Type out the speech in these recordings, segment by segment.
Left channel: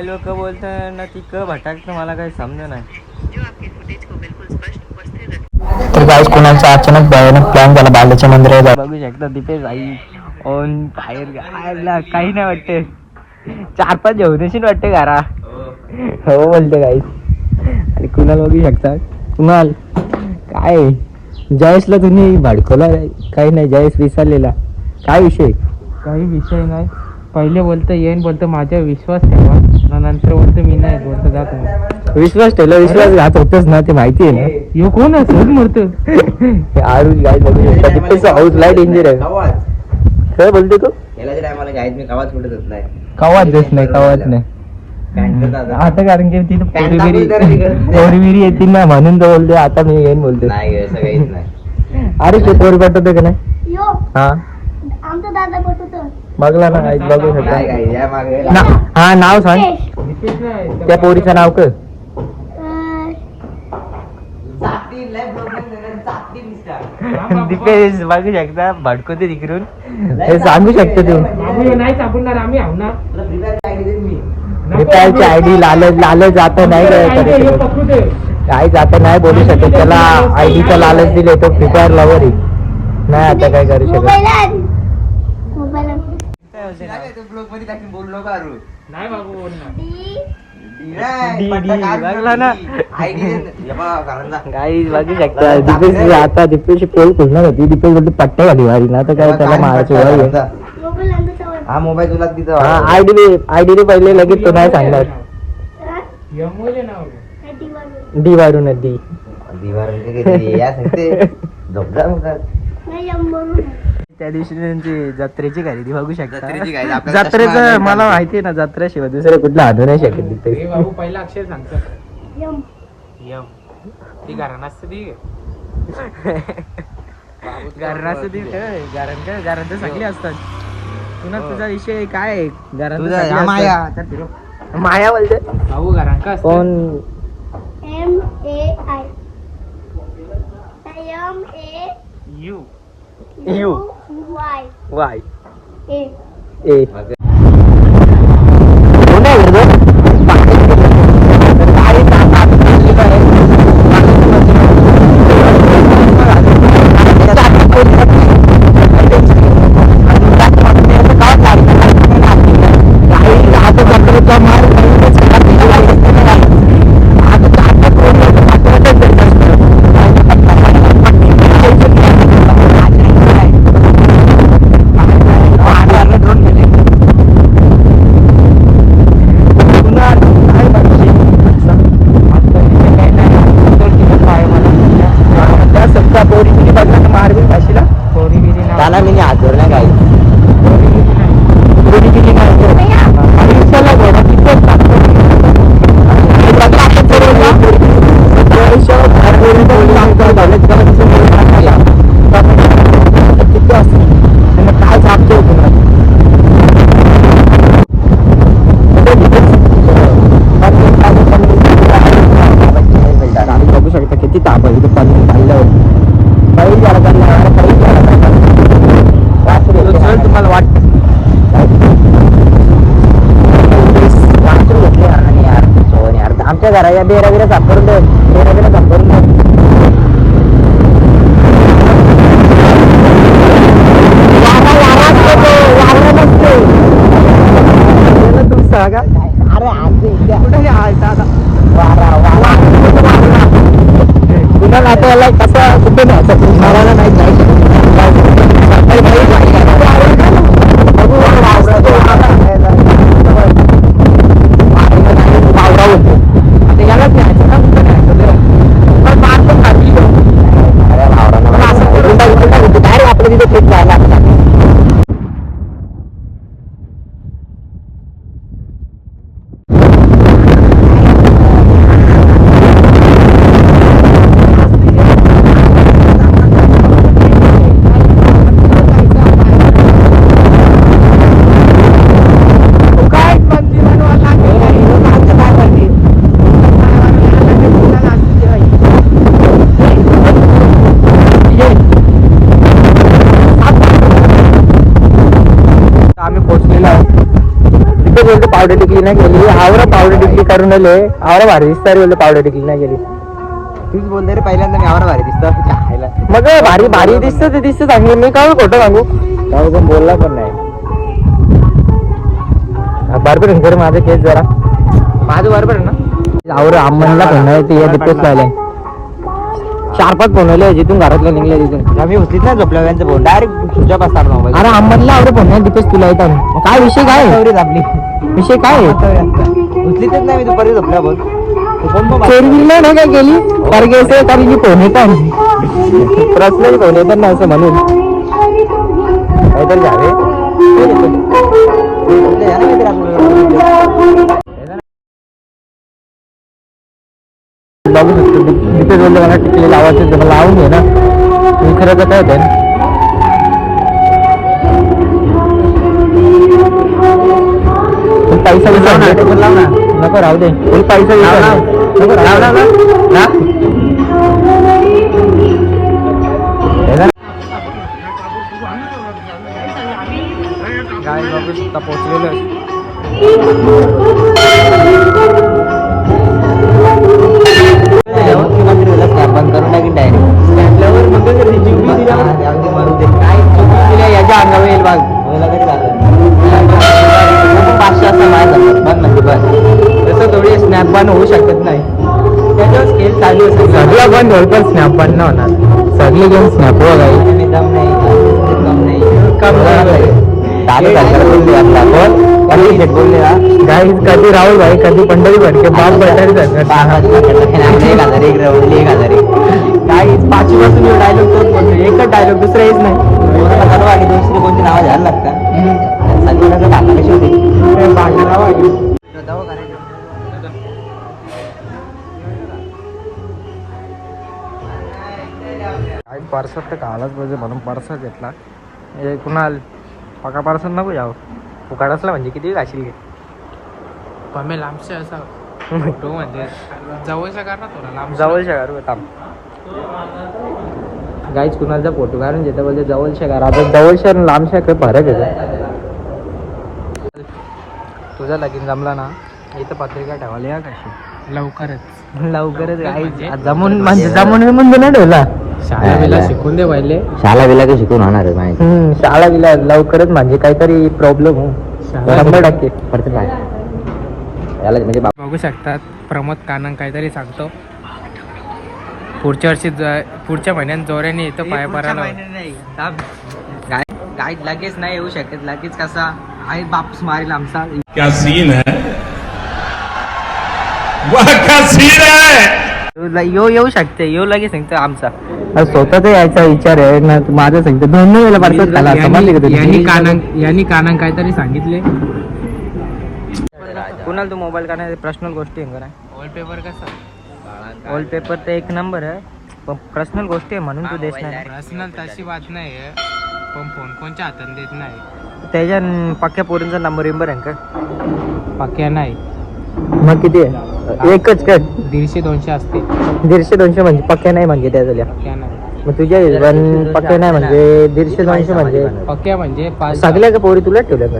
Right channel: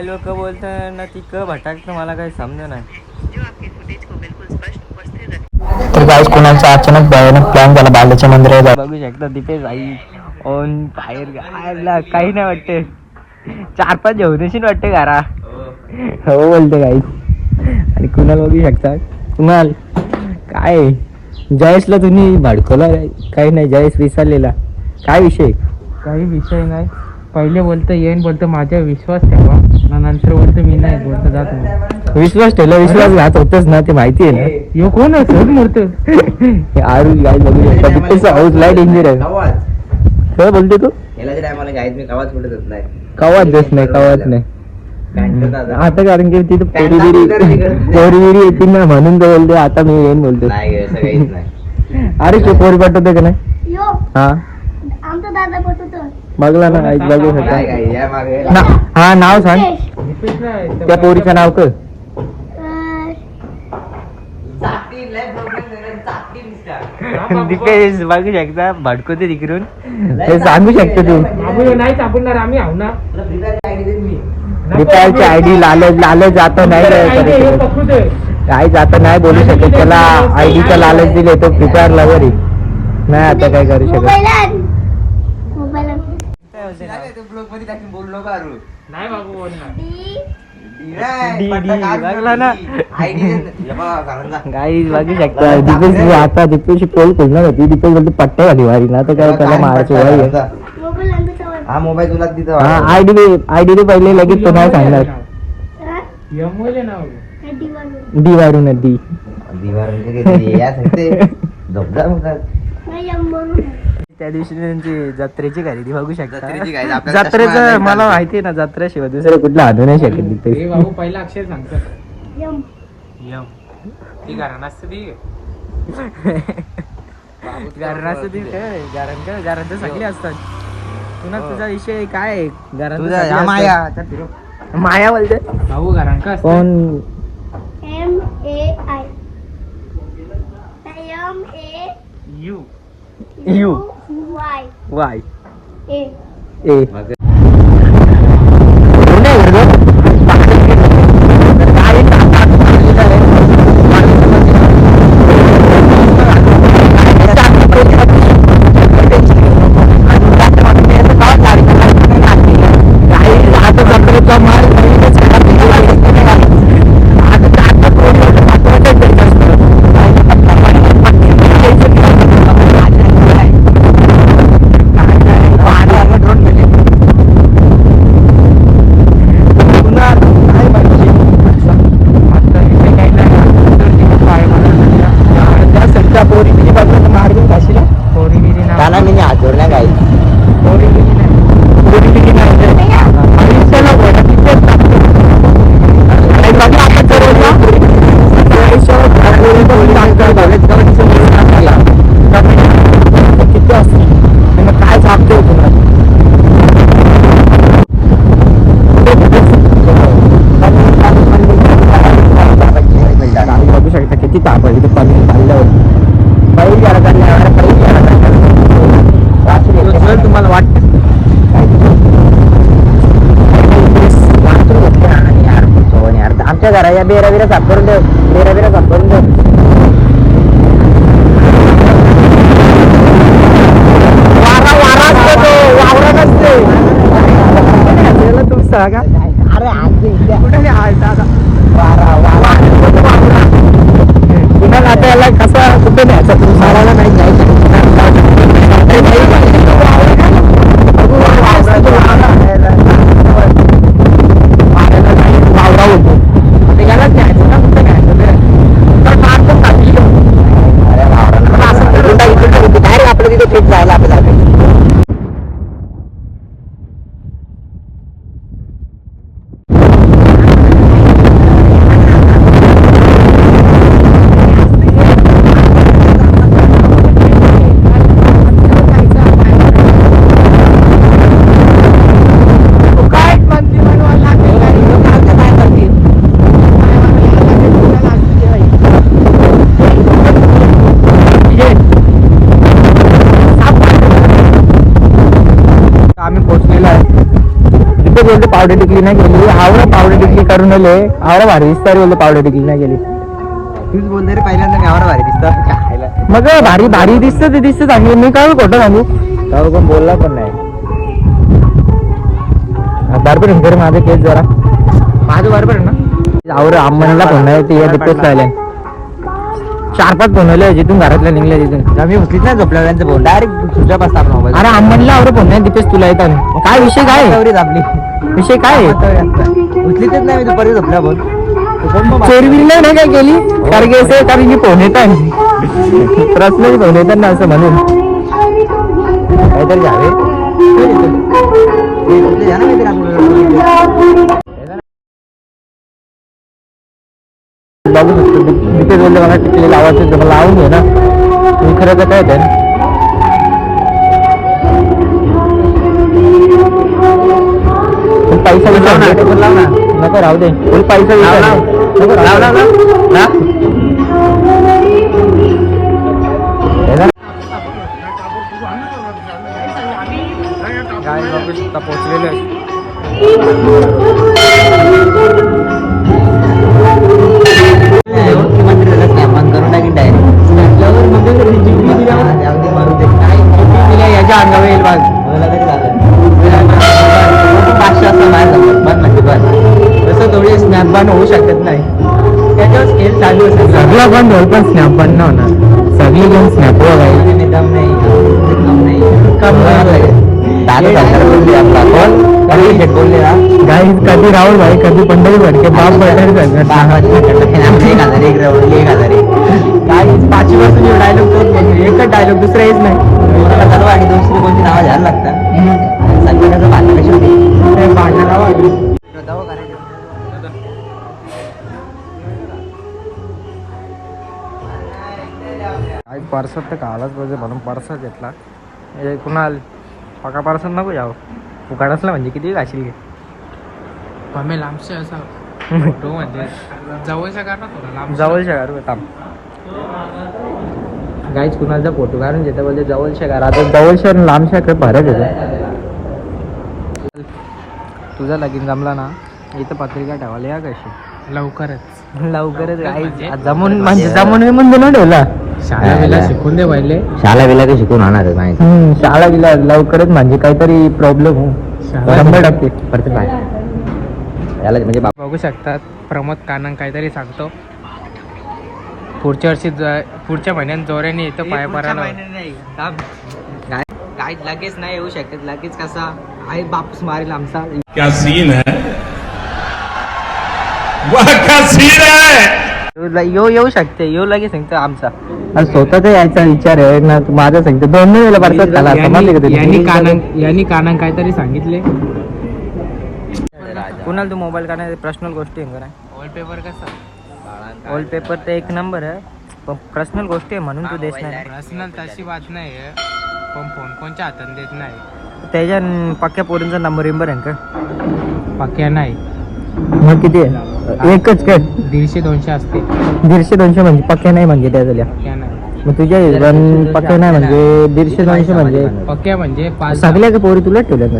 मोबाईलवर क बोलतं ना ती क भटाकतं मला काही समज नाही. तर गाईस कुणाचा अचानक भयानक प्लॅन झाला बालाच्या मंदिरात बघू शकता तिथे जाई ऊन बाहेर गायला काही नाही वाटते. चार पाच जेवणशीच वाटते घरा. हो बोलते काही आणि कुणाल बघू शकता? कुणाल? काय? जयेशला तुम्ही भडकवला काही नाही जयेश विसरलेला. काय विषय? काही विषय नाही. पहिले बोलतो येईन बोलतो माझ्या विश्वास ठेवा. ना नंतर बोलतो मी नाही बोलतो जात नाही विश्वास ठेवला विश्वास घात होतच ना ते माहिती आहे ना. यो कोण आहे? सोड मरतो. हे आरू गाय बघू शकता तिथेच हाऊस लाइट डेंजर आहे. काय बोलते तू? कवाच देत नाही. कवाच नाही आता. कारण की तिथं पोरीबिरी पोरीबिरी येतील ना म्हणून तर बोलते आता मी येईन बोलते अरे ते पोरी पाठवते का नाही? यो. हा? बघला ना काहीच बघू शकता. ना हा नाव सांग. त्या पोरीचं नाव क दिपेश बघू शकता भडकवते तिकडून. हे सांगू शकतो तू. ना दिपायची आयडी लालच लालच जाता नाही काय करू जाता नाही बोलू शकत. त्याला आयडीचा लालच दिले तो फ्री फायर लवर आहे. नाही आता काय करू शकत? नाही बाबू शकता दीपेश आता दीपेश पोल खोलणार होती दीपेश बोलतो पट्ट्या घाली वारी ना तर काय त्याला मारायची वारी आहे. मोबाईल हा आयडी बी पहिले लगेच तो नाही सांगणार. डी वारून डी नाही यम त्या दिवशी त्यांची जत्रेची खरेदी बघू जत्रेची शकता आपल्याला जत्रेचं मला माहिती आहे ना जत्रेशिवाय दुसरं कुठलं आणू नाही शकत हे तिथे पहिला अक्षर सांगतो. यम. यम. ती घराणं असतं ती. गारण गारण गारण तर सगळे असतात. पुन्हा तुझा विषय काय आहे? गारण तुझा या माया. माया बोलते भाऊ घराणं का असतं? कोण? U. U Y Y A A मार्गून भाषेला पोरी बिरी नाव त्याला मी हात धरला काही पोरी बिरी नाव काय सांगतोय बघू शकता किती ताप आहे इथे पाणी चाललं पहिली जर तुम्हाला वाटत आमच्या घराच्या बेरा बिरा साफ करून दे बेरा बिरा साफ करून दे वारा वारा असतो तो वावरा नसतो त्याला तू पावडर टिकली नाही गेली. आवरा पावडर टिकली करून आले आवरा भारी दिसता रे पावडर टिकली नाही गेली. तूच बोलते रे पहिल्यांदा मी आवरा भारी दिसतं. खायला. मग भारी भारी दिसतं ते दिसतं. सांगू मी काय खोटं सांगू? पण बोलला पण नाही. बरोबर आहे माझं केस जरा. माझं बरोबर आहे ना? आवरे अम्मनला फोन ते लावलाय चार पाच फोन आले जिथून घरातल्या निघले तिथून. मी उचलीत नाही झोपल्या त्यांचं फोन. Direct Suja mobile. अरे अम्मनला आवरे फोन नाही दीपेश तुला येतात काय विषय काय? आपली विषय काय आहे? उचलीतच नाही मी दुपारी झोपल्या फोन चोरविल नाही काय केली? कारण की कारण की फोन येतात पर्सनली फोन येतात ना असं म्हणून. काहीतरी झाले. या ना काहीतरी आपल्याला. बघू शकतो तिथे बोललो मला लावायचं लावून घे ना. खरं काय होतं पण पैसा विचार नको राहू दे पण पैसा विचार थोडी स्नॅप बन होऊ शकत नाही त्याच्यावर स्केल चालू आहे सगळं बंद होईल पण स्नॅप बन नाही होणार सगळे जण स्नॅप निदाम नाही. निदाम नाही. काम नाही. चालू झालं बोलली आपला call. कधी राहुल भाई कधी पंढरी भडके बाप बटारी सांगत आमचे एक हजार, एक राहून, एक हजार. गाईज पाचवी पासून डायलॉग तोच बोलतो एकच डायलॉग दुसरा येत नाही दुसरी कोणती नावं घ्यायला लागतात कशी होती आज परसात तर खालाच पाहिजे म्हणून परसा घेतला. हे कुणाल? पका परसात नको यावं फुकाड असला म्हणजे किती घाशील. आम्ही लांबचे असा तो म्हणजे जवळच्या काढा थोडा लांब जवळच्या घर थांब गाईच कुणाचा फोटो काढून घेतो बोलते जवळच्या घर आता जवळच्या लांबच्या घर फरक येतो तुझा लगीन जमला ना? इथं पत्रिका ठेवायला या काय लवकरच. लवकरच गाईच जमून म्हणजे जमून विमून नाही ठेवला शाळा वेळेला शिकून दे पहिले. शाळा बिला काही शिकून होणार आहे माहिती हम्म, शाळा गेला लवकरच म्हणजे काहीतरी प्रॉब्लेम हो. शंभर टक्के. पडते काय याला म्हणजे बाप बघू शकतात प्रमोद कानन काहीतरी सांगतो. पुढच्या वर्षी ज- पुढच्या महिन्यात जोऱ्याने येतो पाय पडायला गाईत लगेच नाही येऊ शकत लगेच कसा आई बापूस मारेल आमचा. क्या सीन है? वह क्या सीन है? यो येऊ शकते यो लगेच सांगतो आमचा. स्वतःच यायचा विचार आहे ना तू माझा सांगतो. दोन नाही वेळेला परसात खाला समजले का यांनी तुला? यांनी कानन काहीतरी सांगितले. कुणाला तू मोबाईल काढण्याची पर्सनल गोष्टी आहे का नाही? वॉलपेपर कसा? ओल्ड पेपर ते एक नंबर आहे. पण पर्सनल गोष्टी आहे म्हणून तू देत नाही. पर्सनल तशी बात नाही आहे. पण फोन कोणच्या हातात देत नाही? त्याच्या पक्क्या पोरींचा नंबर विंबर आहे का? पक्या नाही. मग किती आहे? एकच काय दीडशे दोनशे असते दीडशे दोनशे म्हणजे पक्क्या नाही म्हणजे त्या झाल्या मग तुझ्या हिशोबान पक्क्या नाही म्हणजे दीडशे दोनशे म्हणजे पक्या म्हणजे पाच सगळ्या का पोरी तुला ठेवल्या का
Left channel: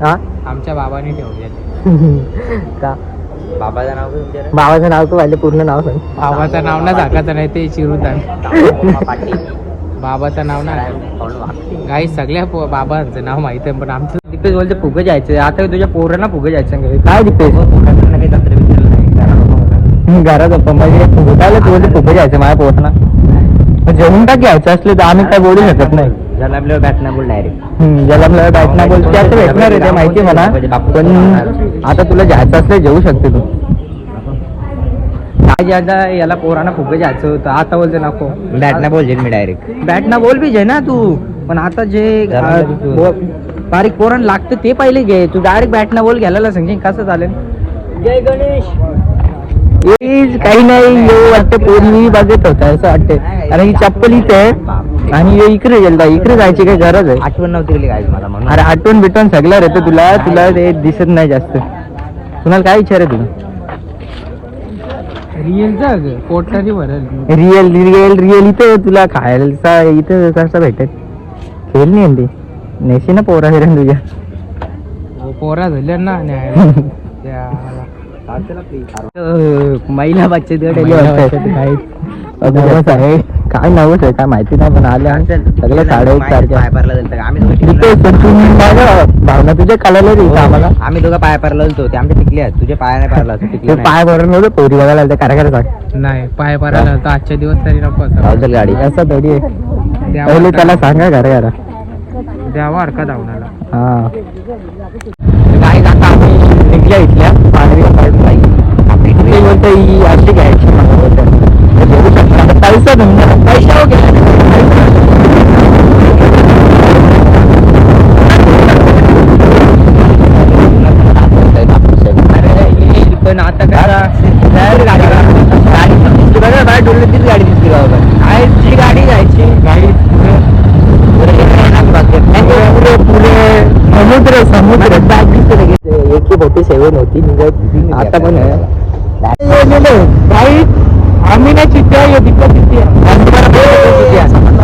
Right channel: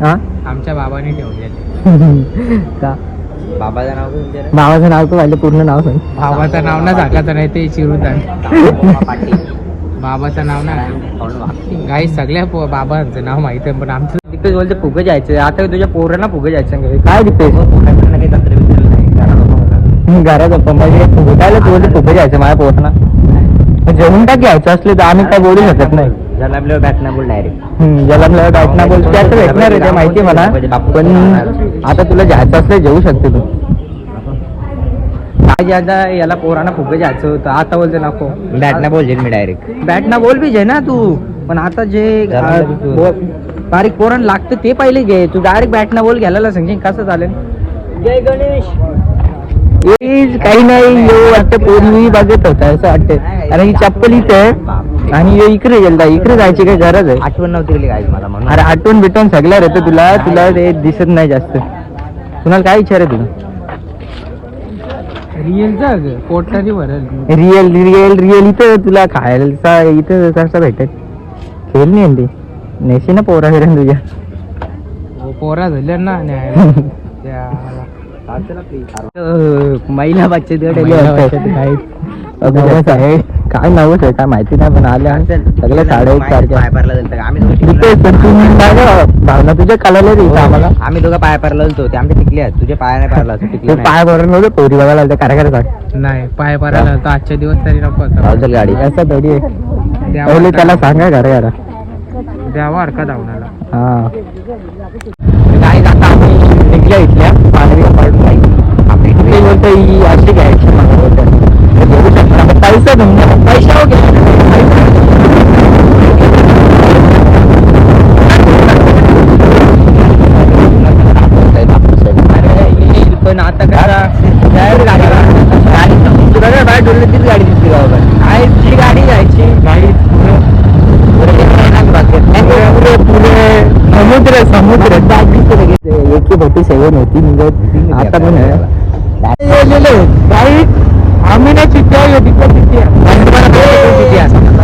हा? आमच्या बाबांनी ठेवले का? बाबाचं नाव काय नाव तू पाहिलं पूर्ण नाव सांग. बाबाचं नाव ना सांगायचं नाही ते चिरून पाटील बाबाचं नाव नाही काही सगळ्या पो- बाबांचं नाव माहिती आहे पण आमचं तिथे बोलते फुगं जायचं आता तुझ्या पोरांना फुगं जायचं. काय दिसतो जरा गप्पा मग फुगायला तू बोलते फुगं जायचं माझ्या पोरांना. जमीन टाक जायचं असले तर आम्ही काय बोलू शकत नाही. बोल त्याचं भेटणार आहे माहिती मला. पण आता तुला घ्यायचं असलं घेऊ शकते तू. आज एकदा याला पोरांना फुगं जायचं होतं? आता बोलतो नको डाटना बोल मी डायरेक्ट बॅटना बोल बी घे ना तू. पण आता जे बारीक पोरण लागतं ते पहिले घे. तू डायरेक्ट बॅटना बोल घ्यायला समजेल कसं चालेल जय गणेश. काही नाही ये वाटतं पोरणी बघत होता असं वाटतं आणि चप्पल इथं आणि हे इकडे गेलता इकडे जायची काही गरज आहे? आठवण नव्हती गेली आज मला म्हणून. अरे आठवण बिटवण सगळं होतं तुला तुला ते दिसत नाही जास्त. तुम्हाला काय विचार आहे तुम्ही रिअल रिअल रिअल रिअल इथे तुला खायला इथे कसं भेटत? हेल नाही तू. नेशी ना पोरा करून तुझ्या पोरा झाल्या ना. महिला बच्चे काय नवस आहे काय माहिती नाही पण आल्या सगळे साडे एक सारखे भावना तुझ्या कळलं दिवस आम्हाला. आम्ही तुझ्या पाय पडला होतो. आमच्या टिकले तुझ्या पायाने पडला होता पाय पडलं नव्हतं पोरी बघायला लागतं काय काय नाही पाय पारा तर आजच्या दिवस तरी गाडी पहिले त्याला सांगा घर जरा द्यावा अर्थ धावणार हा. इथल्या इथल्या ही अशी पैसा पैसा पण आता कसा बाहेर काय किती गाडी दिसली काय ती गाडी गाडी समुद्र समुद्र. एक मोठी सेवन होती म्हणजे आता पण आहे. राईट आम्ही नाही चित्त्या ये तिकडे चित्त्या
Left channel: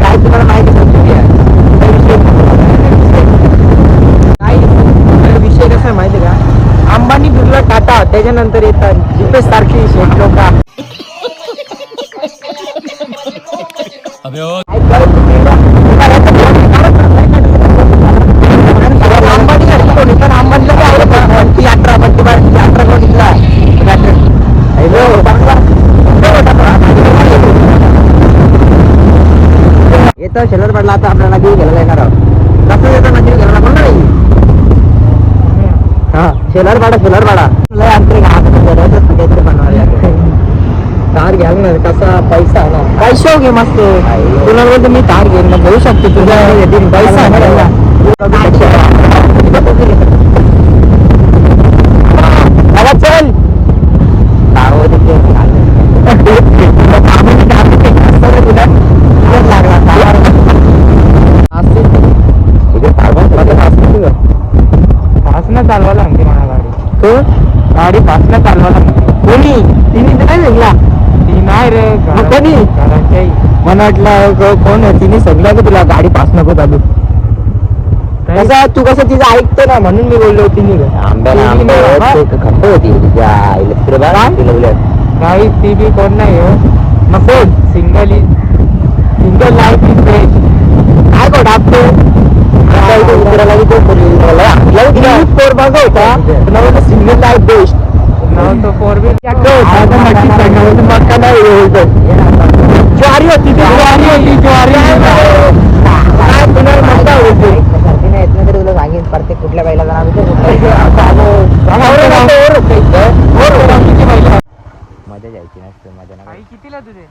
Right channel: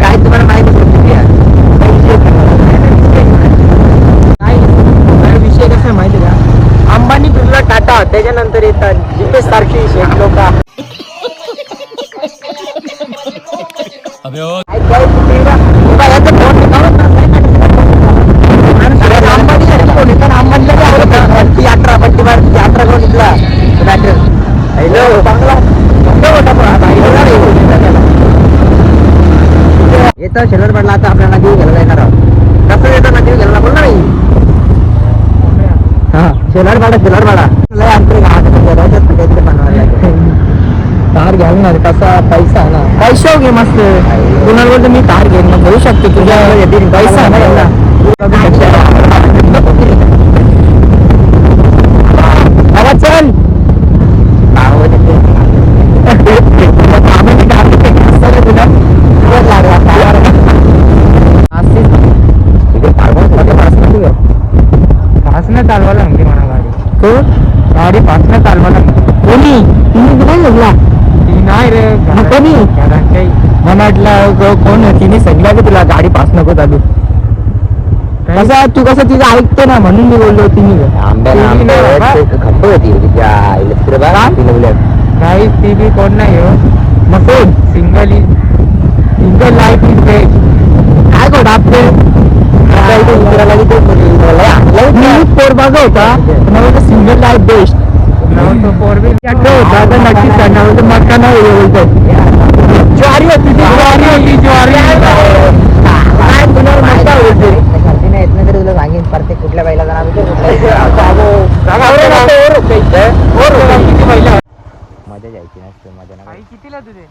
काय तुम्हाला माहिती विषय कसा आहे? माहिती का? अंबानी बिर्ला टाटा त्याच्यानंतर येतात जिथे सारखी शेट लोक येतो शेलर पडला आता आपल्याला नदी गेलेला येणार आहोत. कसं येतो नदी गेलेला बोल ना हा शेलर पाडा शेलर पाडा. कार घ्याल ना कसा पैसा आहे ना. पैसा घे मस्त. बोलतो मी कार घेईन मग घेऊ शकतो तुझ्या. पैसा नाही ना मला चल पासनं चालवायला म्हणजे मला गाडी गाडी पासनं चालवायला म्हणजे कोणी तिने दिला लागला ती नाही रे मग कोणी? काही मला वाटलं कोण तिने सांगितलं की तुला गाडी पास नको चालू कसा तू कसं तुझं ऐकतो ना म्हणून मी बोललो तिने खंब होती नाही ती बी कोण नाही हो. मग कोण single is single life is best काय गोड आपले पोर बघा होता सिंगल लाईफ बेस्ट. फोर नाही ज्वारी होती होती ज्वारी तुला सांगेन प्रत्येक कुठल्या बाईला मजा जायची नसते मजा आई कितीला तुझे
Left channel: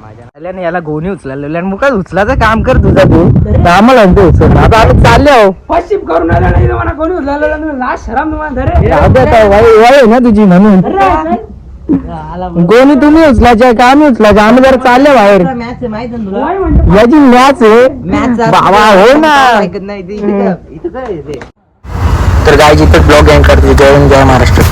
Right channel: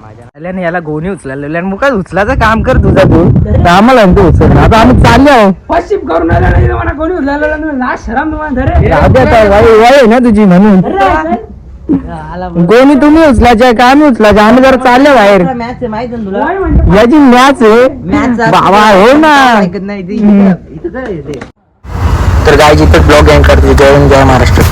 माझ्या याला गोणी उचलायला मुकाच उचलायचं काम कर तुझा तू. आम्हाला म्हणतो उचल. आता आम्ही चालले आहे पश्चिम करून मला कोणी उचलायला लास्ट शराम तुम्हाला जाऊ दे आता, वाई वाई आहे ना तुझी म्हणून. गोणी तुम्ही उचलायचे का आम्ही उचलायचे आम्ही जरा चालले बाहेर. याची मॅच आहे. बाबा हो ना. तर गाय जिथे ब्लॉग एंड करते. जय हिंद, जय महाराष्ट्र.